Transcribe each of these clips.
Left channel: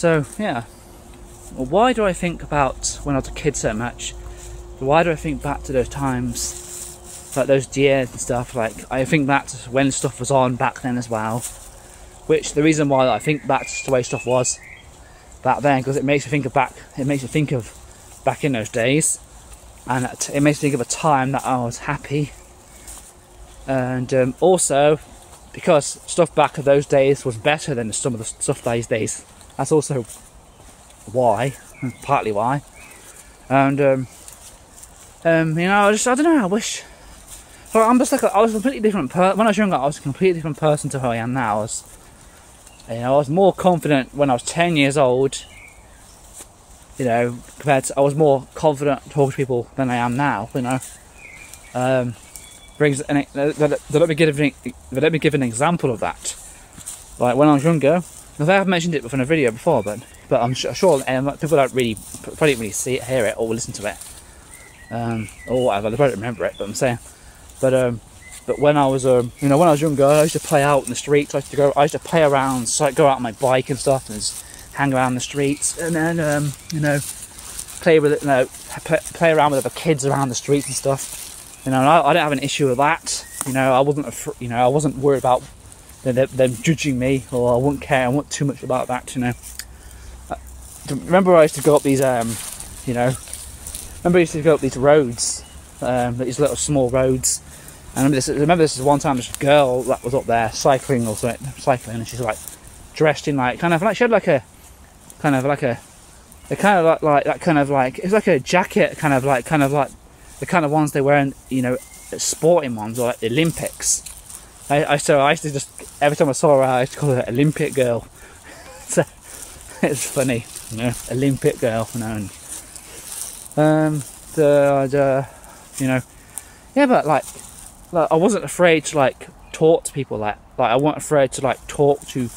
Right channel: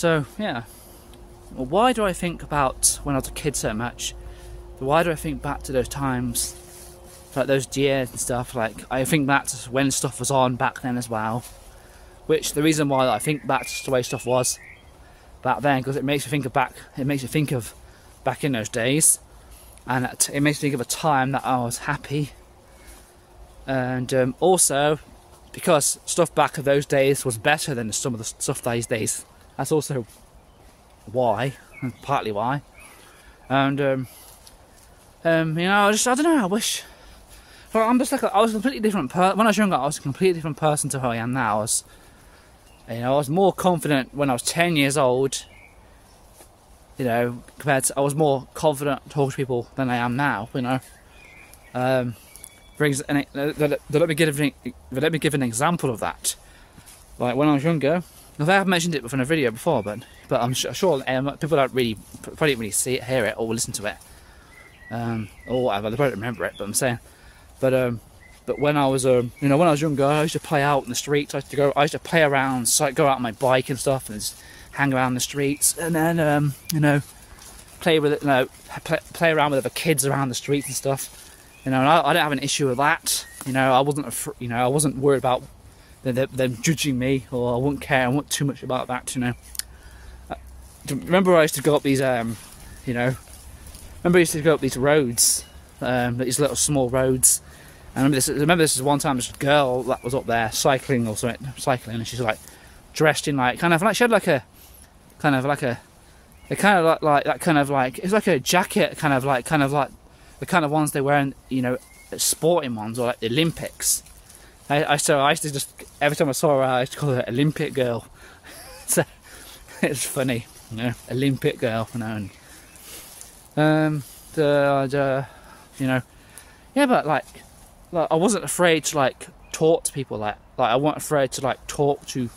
So yeah, well, why do I think about when I was a kid so much? Why do I think back to those times, like those years and stuff? Like I think back to when stuff was on back then as well. Which the reason why I think back to the way stuff was back then, because it makes me think of back. It makes me think of back in those days, and it makes me think of a time that I was happy. And also because stuff back of those days was better than some of the stuff these days. That's also why, partly why. And you know, I don't know. I wish. Well, I'm just like I was a completely different person when I was younger. I was a completely different person to who I am now. I was more confident when I was 10 years old. You know, compared to I was more confident talking to people than I am now. You know, let me give an example of that. Like when I was younger, I have mentioned it in a video before, but I'm sure people probably don't really see it, hear it, or listen to it, or whatever. They probably remember it, but I'm saying, but when I was you know, when I was younger, I used to play out in the streets. I used to play around, so I'd go out on my bike and stuff, and just hang around the streets, and then you know, play with it, you know, play around with other kids around the streets and stuff. You know, and I didn't have an issue with that. You know, I wasn't worried about them judging me, or I wouldn't care. I wasn't too much about that. You know, remember I used to go up these, you know, I used to go up these roads, these little small roads. And I remember this is one time this girl that was up there cycling or something, and she's like dressed in like kind of like she had like a kind of like it's like a jacket, kind of like the kind of ones they wear in, you know, sporting ones, or like the Olympics. I used to just, every time I saw her, I used to call her Olympic girl. So it's funny, you know, Olympic girl, you know. And, you know, yeah, but like I wasn't afraid to like talk to people, like I wasn't afraid to like talk to.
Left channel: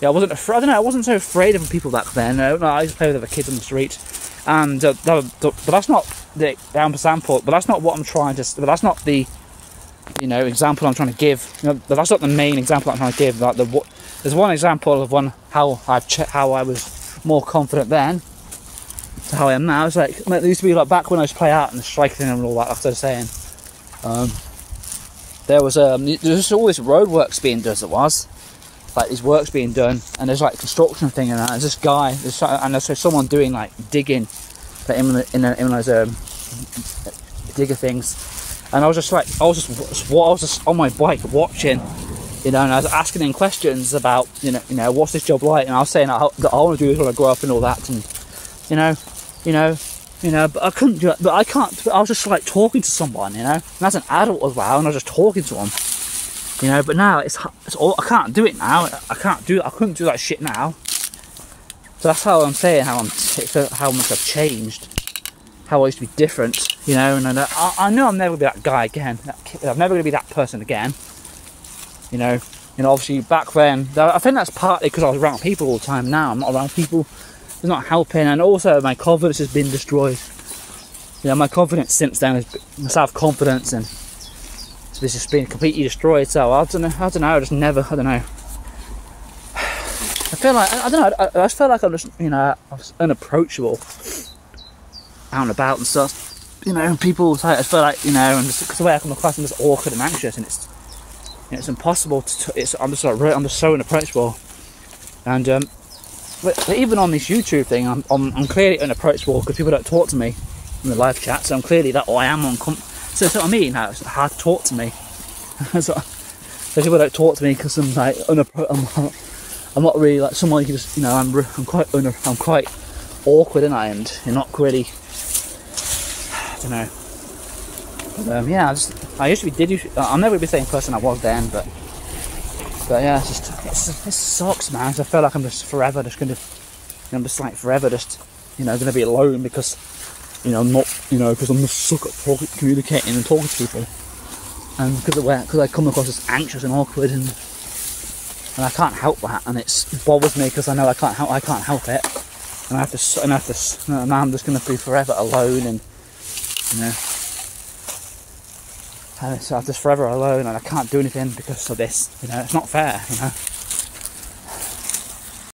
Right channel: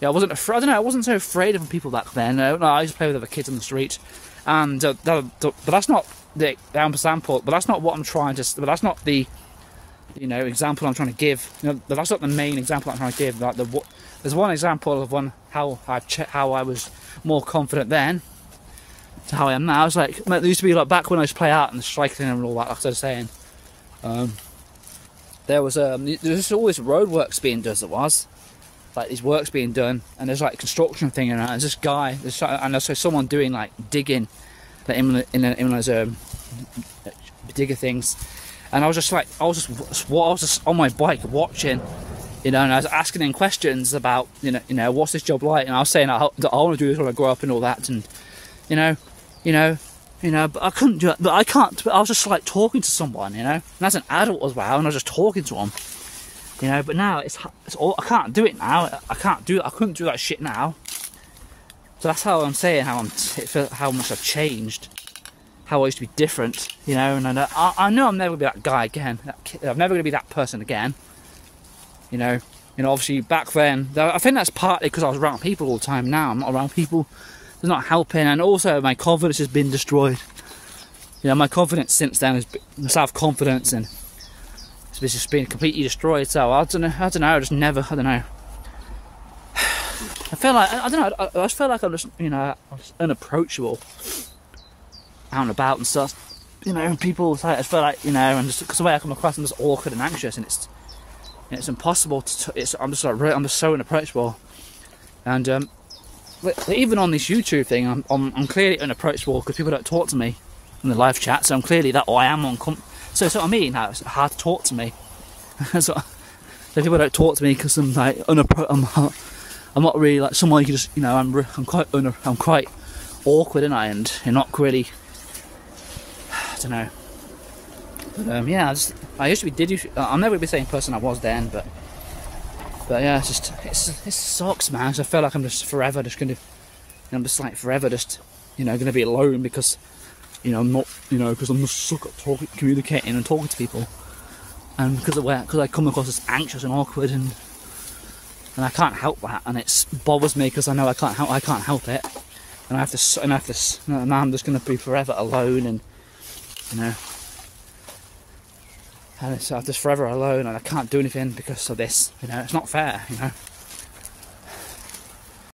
Yeah, I wasn't afraid. I don't know. I wasn't so afraid of people back then. No, I used to play with other kids on the street, and but that's not the example. But that's not what I'm trying to. But that's not the, you know, example I'm trying to give. You know, that's not the main example I'm trying to give. Like there's one example of how I was more confident then to how I am now. It's like there used to be like back when I used to play out and the striking and all that. Like I was saying, there was all this roadworks being done. As it was. Like these works being done, and there's like construction thing, and there's this guy, and there's someone doing like digging, like in those digger things, and I was just on my bike watching, you know, and I was asking him questions about, you know, what's this job like, and I was saying that I want to do this when I grow up and all that, and you know, but I couldn't do it, but I can't. But I was just like talking to someone, you know, and as an adult as well, and I was just talking to him. You know, but now it's all, I can't do it now. I couldn't do that shit now. So that's how I'm saying how much I've changed. How I used to be different. You know, and I know I'm never gonna be that guy again. I'm never gonna be that person again. You know, obviously back then, I think that's partly because I was around people all the time. Now I'm not around people. It's not helping, and also my confidence has been destroyed. You know, my confidence since then is my self-confidence, and it's just been completely destroyed. So I don't know. I just never. I don't know. I feel like I don't know. I just feel like I'm just, you know, I was unapproachable out and about and stuff. You know, people. I just feel like, you know, and because the way I come across, I'm just awkward and anxious, and it's impossible to. I'm just so unapproachable, and but even on this YouTube thing, I'm clearly unapproachable because people don't talk to me in the live chat. So I'm clearly that I am So that's what I mean. How it's hard to talk to me. So people don't talk to me because I'm like I'm not really like someone you can just, you know, I'm quite awkward, and you're not really. I don't know. But yeah, I used to be. I'm never gonna be the same person I was then, but yeah, it sucks, man. I feel like I'm just forever just gonna, I'm just like forever just, you know, gonna be alone because. You know, because I'm just suck at communicating and talking to people, and because I come across as anxious and awkward, and I can't help that, and it bothers me because I know I can't help it, and now I'm just going to be forever alone, and you know, and so I'm just forever alone, and I can't do anything because of this. You know, it's not fair. You know.